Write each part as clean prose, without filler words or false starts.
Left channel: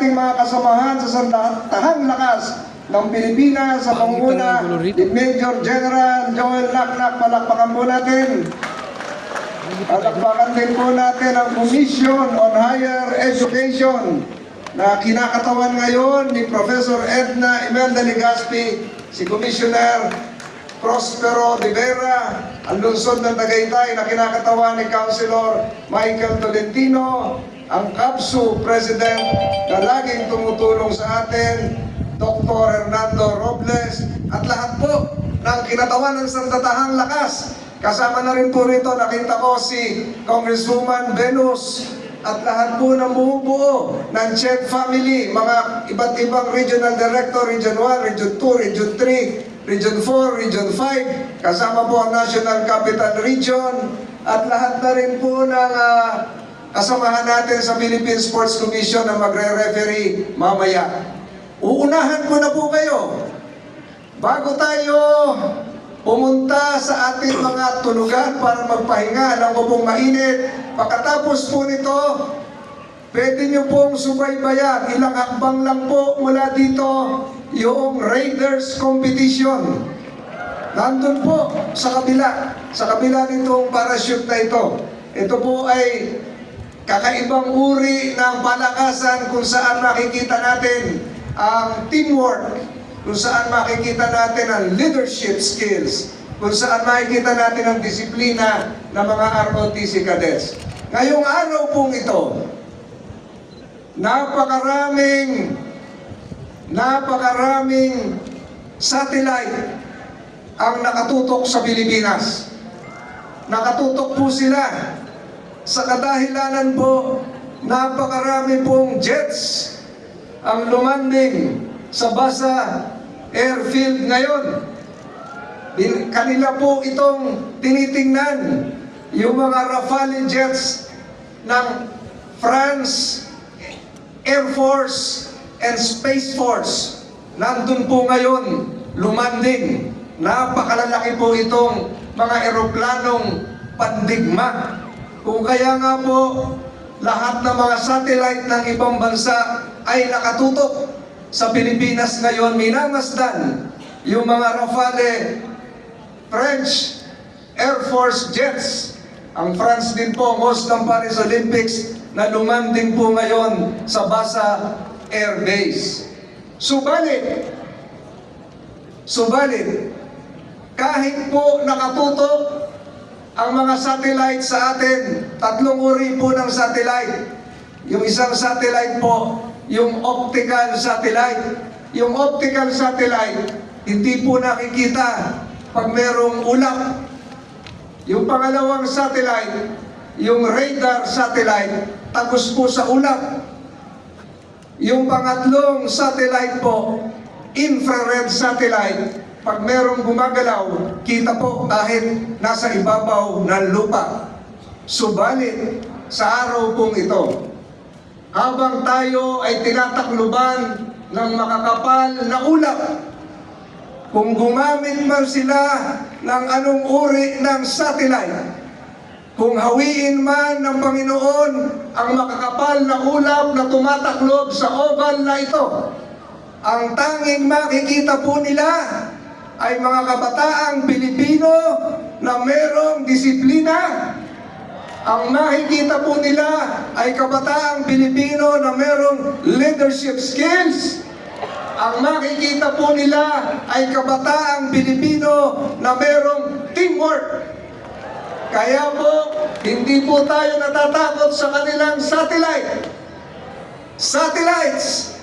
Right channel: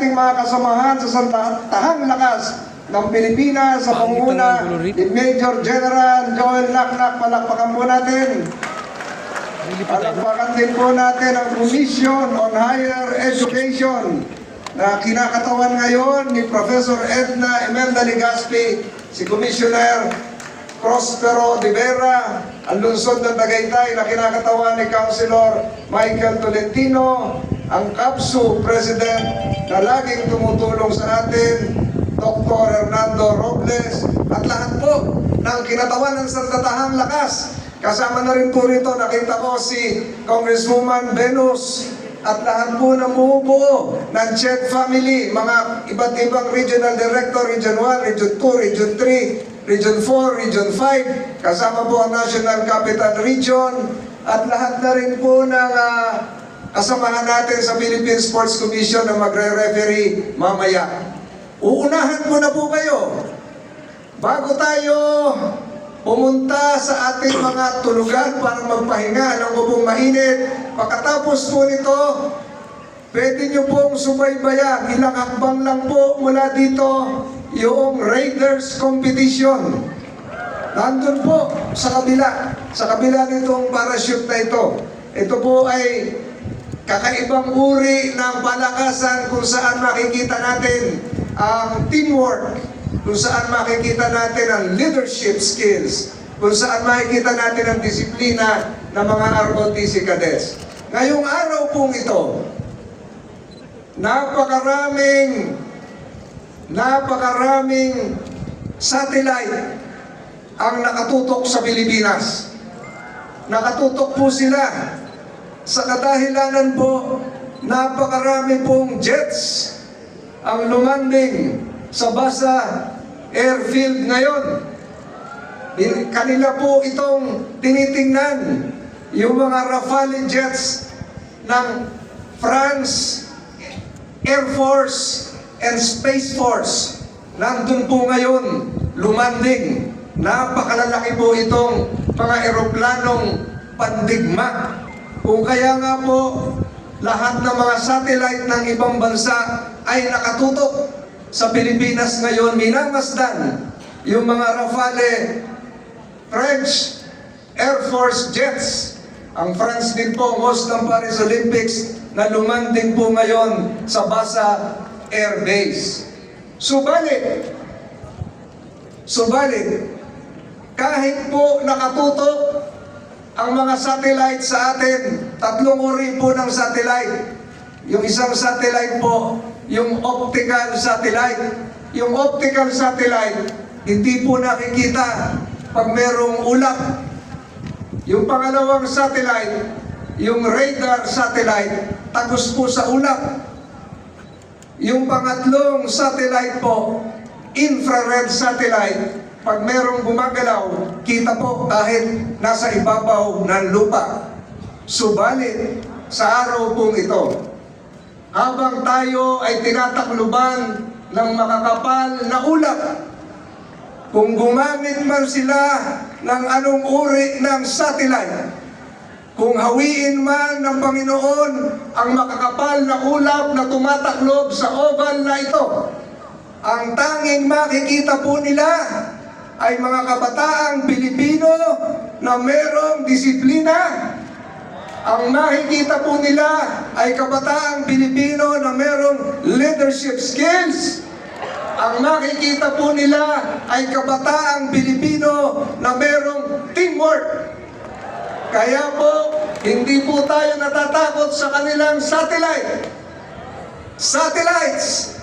ating mga kasamahan sa Sandatahang Lakas ng Pilipinas sa pangunguna ni Major General Joel Naknak. Palakpakan po natin. Palakpakan din po natin ang Commission on Higher Education na kinakatawan ngayon ni Professor Edna Imelda Legaspi, si Commissioner Prospero de Vera, ang lungsod ng Tagaytay na kinakatawan ni Councilor Michael Tolentino, ang CAPSU President na laging tumutulong sa atin, Dr. Hernando Robles, at lahat po ng kinatawan ng Sandatahang Lakas. Kasama na rin po rito, nakita ko si Congresswoman Venus at lahat po ng bumubuo ng Chet family, mga iba't ibang regional director, Region 1, Region 2, Region 3, Region 4, Region 5, kasama po ang National Capital Region, at lahat na rin po ng kasamahan natin sa Philippine Sports Commission na magre-referee mamaya. Uunahan ko na po kayo. Bago tayo pumunta sa ating mga tulugan para magpahinga, alam ko pong mainit. Pagkatapos po nito, pwede nyo pong subaybayan, ilang hakbang lang po mula dito, yung Raiders Competition. Nandun po sa kabila nitong parachute na ito. Ito po ay kakaibang uri ng palakasan kung saan makikita natin ang teamwork, kung saan makikita natin ang leadership skills, kung saan makikita natin ang disiplina ng mga ROTC cadets. Ngayong araw pong ito, napakaraming satellite ang nakatutok sa Pilipinas. Nakatutok po sila sa kadahilanan po, napakarami pong jets ang lumanding sa Basa Airfield ngayon. Kanila po itong tinitingnan, yung mga Rafale jets ng France Air Force and Space Force. Nandun po ngayon, lumanding. Napakalalaki po itong mga eroplanong pandigma. Kung kaya nga po, lahat ng mga satellite ng ibang bansa ay nakatutok sa Pilipinas ngayon, minamasdan yung mga Rafale French Air Force jets. Ang France din po, ang host ng Paris Olympics, na lumanding po ngayon sa Basa Air Base. Subalit, kahit po nakatutok ang mga satellite sa atin, tatlong uri po ng satellite. Yung isang satellite po, yung optical satellite. Yung optical satellite, hindi po nakikita pag merong ulap. Yung pangalawang satellite, yung radar satellite, tagos po sa ulap. Yung pangatlong satellite po, infrared satellite, pag merong gumagalaw, kita po kahit nasa ibabaw ng lupa. Subalit, sa araw pong ito, habang tayo ay tinatakluban ng makakapal na ulap, kung gumamit man sila ng anong uri ng satellite, kung hawiin man ng Panginoon ang makakapal na ulap na tumataklob sa oval na ito, ang tanging makikita po nila ay mga kabataang Pilipino na merong disiplina. Ang makikita po nila ay kabataang Pilipino na merong leadership skills. Ang makikita po nila ay kabataang Pilipino na merong teamwork. Kaya po, hindi po tayo natatakot sa kanilang satellites.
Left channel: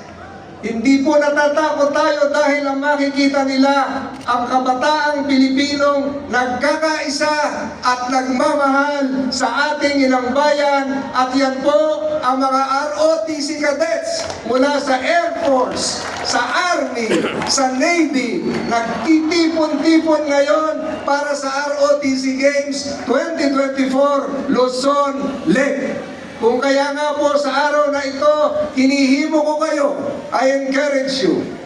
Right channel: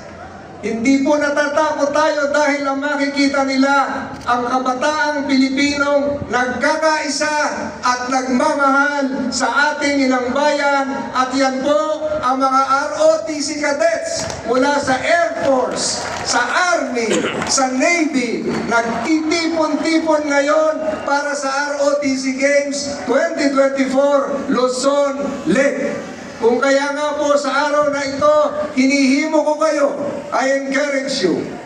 Hindi po natatakot tayo dahil ang makikita nila ang kabataang Pilipinong nagkakaisa at nagmamahal sa ating inang bayan, at yan po ang mga ROTC cadets mula sa Air Force, sa Army, sa Navy, nagtitipon-tipon ngayon para sa ROTC Games 2024 Luzon Lake. Kung kaya nga po sa araw na ito, hinihimo ko kayo, I encourage you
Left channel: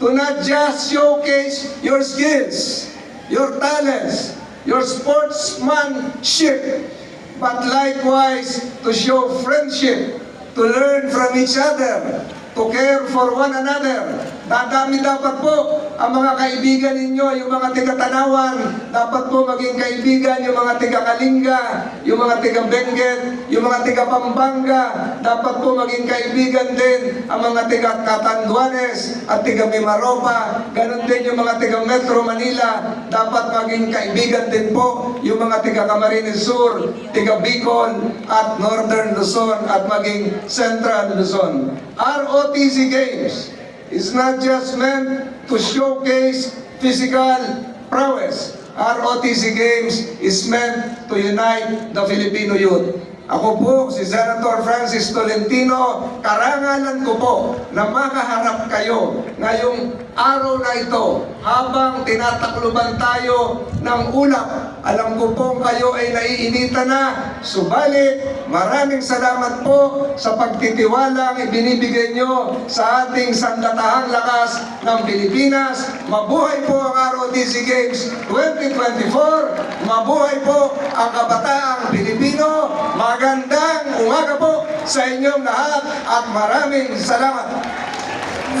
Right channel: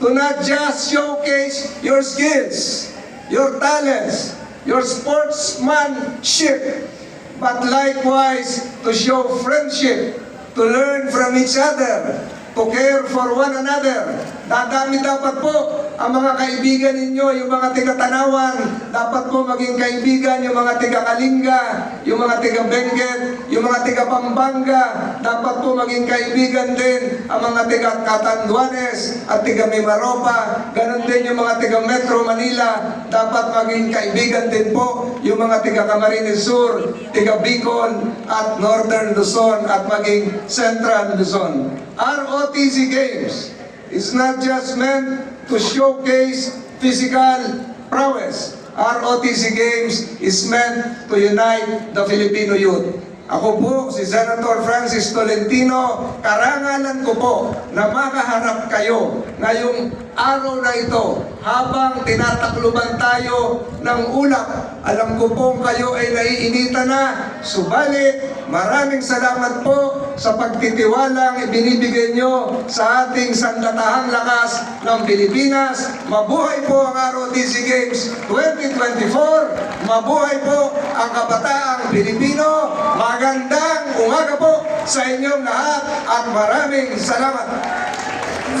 to not just showcase your skills, your talents, your sportsmanship, but likewise to show friendship, to learn from each other, to care for one another. Dadami dapat po ang mga kaibigan ninyo, yung mga tiga-Tanawan, dapat po maging kaibigan yung mga tiga-Kalinga, yung mga tiga-Benguet, yung mga tiga-Pampanga, dapat po maging kaibigan din ang mga tiga-Catanduanes at tiga-Mimaropa, ganon din yung mga tiga-Metro Manila, dapat maging kaibigan din po yung mga tiga-Camarines Sur, tiga-Bicol at Northern Luzon at maging Central Luzon. ROTC Games is not just meant to showcase physical prowess. ROTC Games is meant to unite the Filipino youth. Ako po, si Senator Francis Tolentino, karangalan ko po na makaharap kayo ngayong araw na ito habang tinatakluban tayo ng ulap. Alam ko po kayo ay naiinitan na, subalit maraming salamat po sa pagtitiwalang ibinibigay nyo sa ating sandatahang lakas ng Pilipinas. Mabuhay po ang ROTC Games 2024, mabuhay po ang kabataang Pilipino. Magandang umaga po sa inyong lahat at maraming salamat.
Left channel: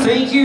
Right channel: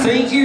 Thank you.